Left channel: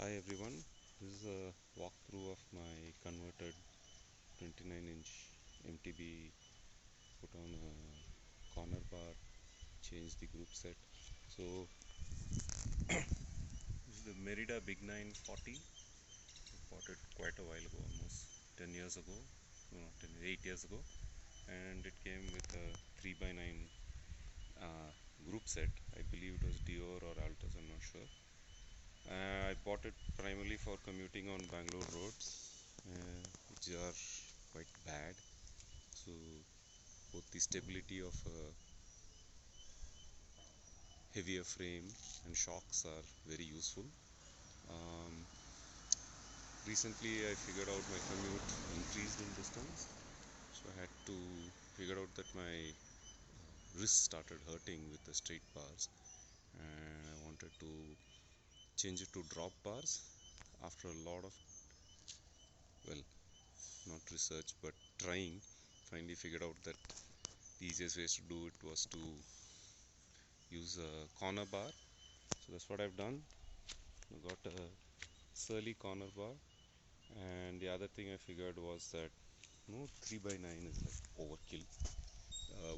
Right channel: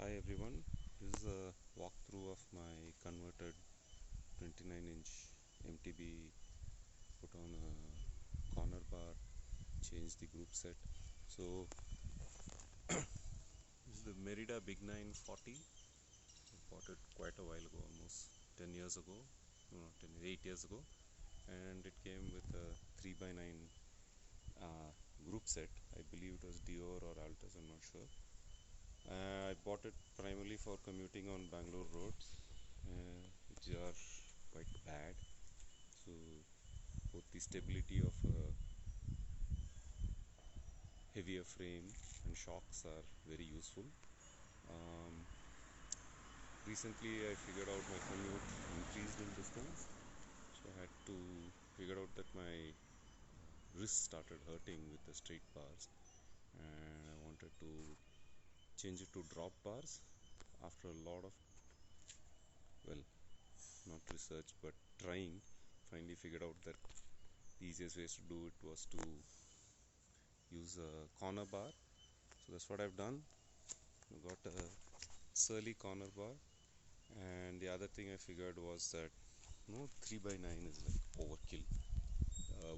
Hi everyone, this is a walkthrough of my converted 29-inch MTB, put on a corner bar, change the group set. So this is the Merida Big 940. I bought it quite a while ago, almost 10 years ago, no, not 10, 8 years ago, and it came with a 3x9 group set. I believe it was Dior or Altus, I'm not sure. I bought it primarily for commuting on Bangalore roads, which are quite bad. So both the stability of a heavier frame and shocks are very useful. Recently I figured out my commute increased in distance, so I had to figure out that my wrist started hurting with the straight bars, and I wanted to change it to drop bars. After a lot of, well, not research but trying, finally figured out that the easiest ways to do it was to use a corner bar. So that's what I've done. I got a surly corner bar, and the other thing I figured was that 3x9 is like overkill.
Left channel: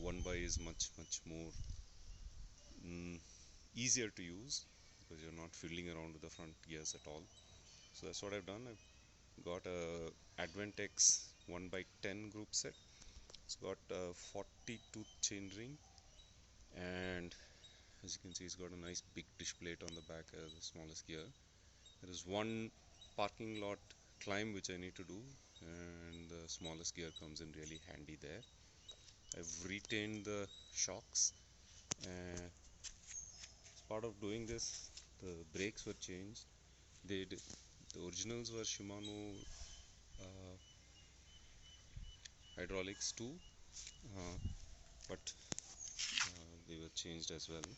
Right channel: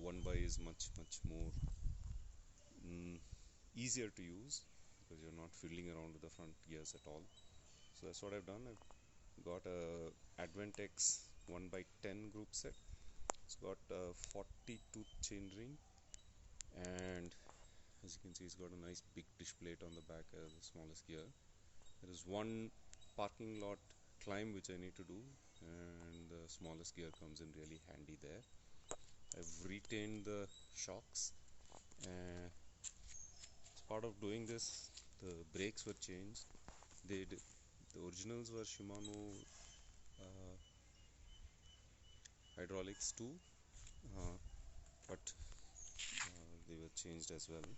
1x is much more easier to use because you're not fiddling around with the front gears at all. So that's what I've done. I've got a Adventex 1x10 group set. It's got a 40 tooth chain ring, and as you can see, it's got a nice big dish plate on the back as the smallest gear. There is one parking lot climb which I need to do, and the smallest gear comes in really handy there. I've retained the shocks. As part of doing this, the brakes were changed. The originals were Shimano hydraulics too, but they were changed as well.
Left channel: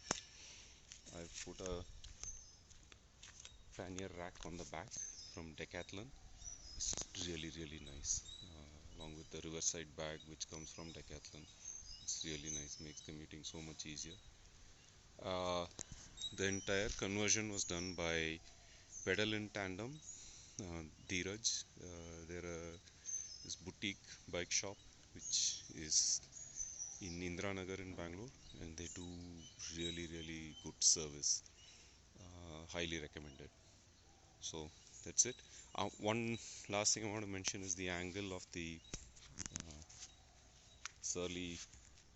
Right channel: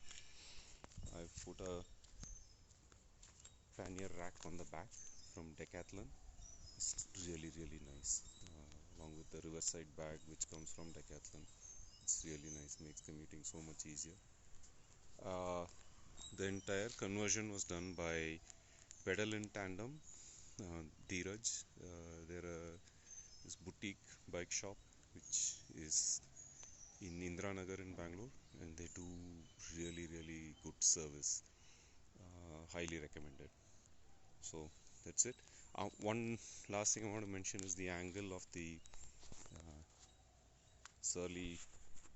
I've put a pannier rack on the back from Decathlon. It's really nice, along with the riverside bag which comes from Decathlon. It's really nice, makes commuting so much easier. The entire conversion was done by Pedal in Tandem, Dheeraj. They're this boutique bike shop which is in Indranagar in Bangalore, and they do really good service. Highly recommended. So that's it. One last thing I want to mention is the angle of the surly.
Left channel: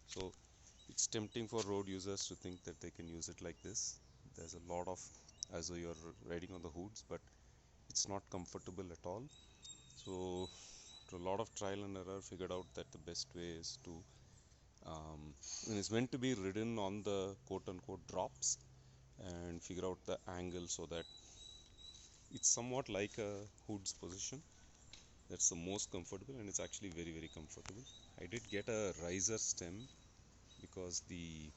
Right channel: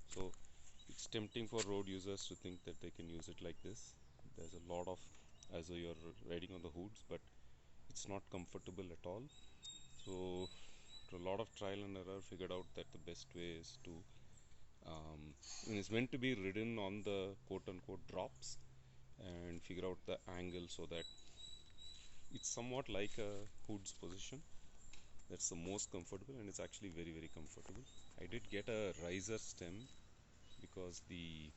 So it's tempting for road users to think that they can use it like this. There's a lot of, as though you're riding on the hoods, but it's not comfortable at all. So after a lot of trial and error, figured out that the best way is to when it's meant to be ridden on the quote-unquote drops, and figure out the angle so that it's somewhat like a hood's position. That's the most comfortable, and it's actually very comfortable. I did get a riser stem because the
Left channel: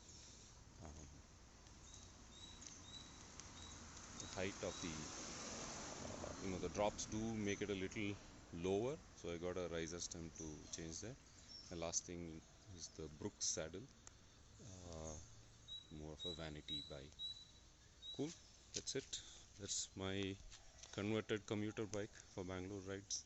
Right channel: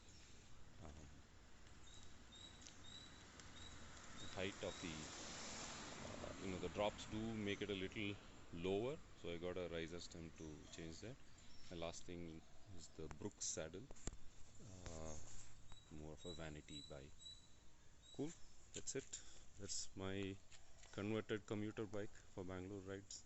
height of the the drops do make it a little lower, so I got a riser stem to change that. The last thing is the Brooks saddle, more of a vanity buy. Cool, that's it. That's my converted commuter bike for Bangalore rides.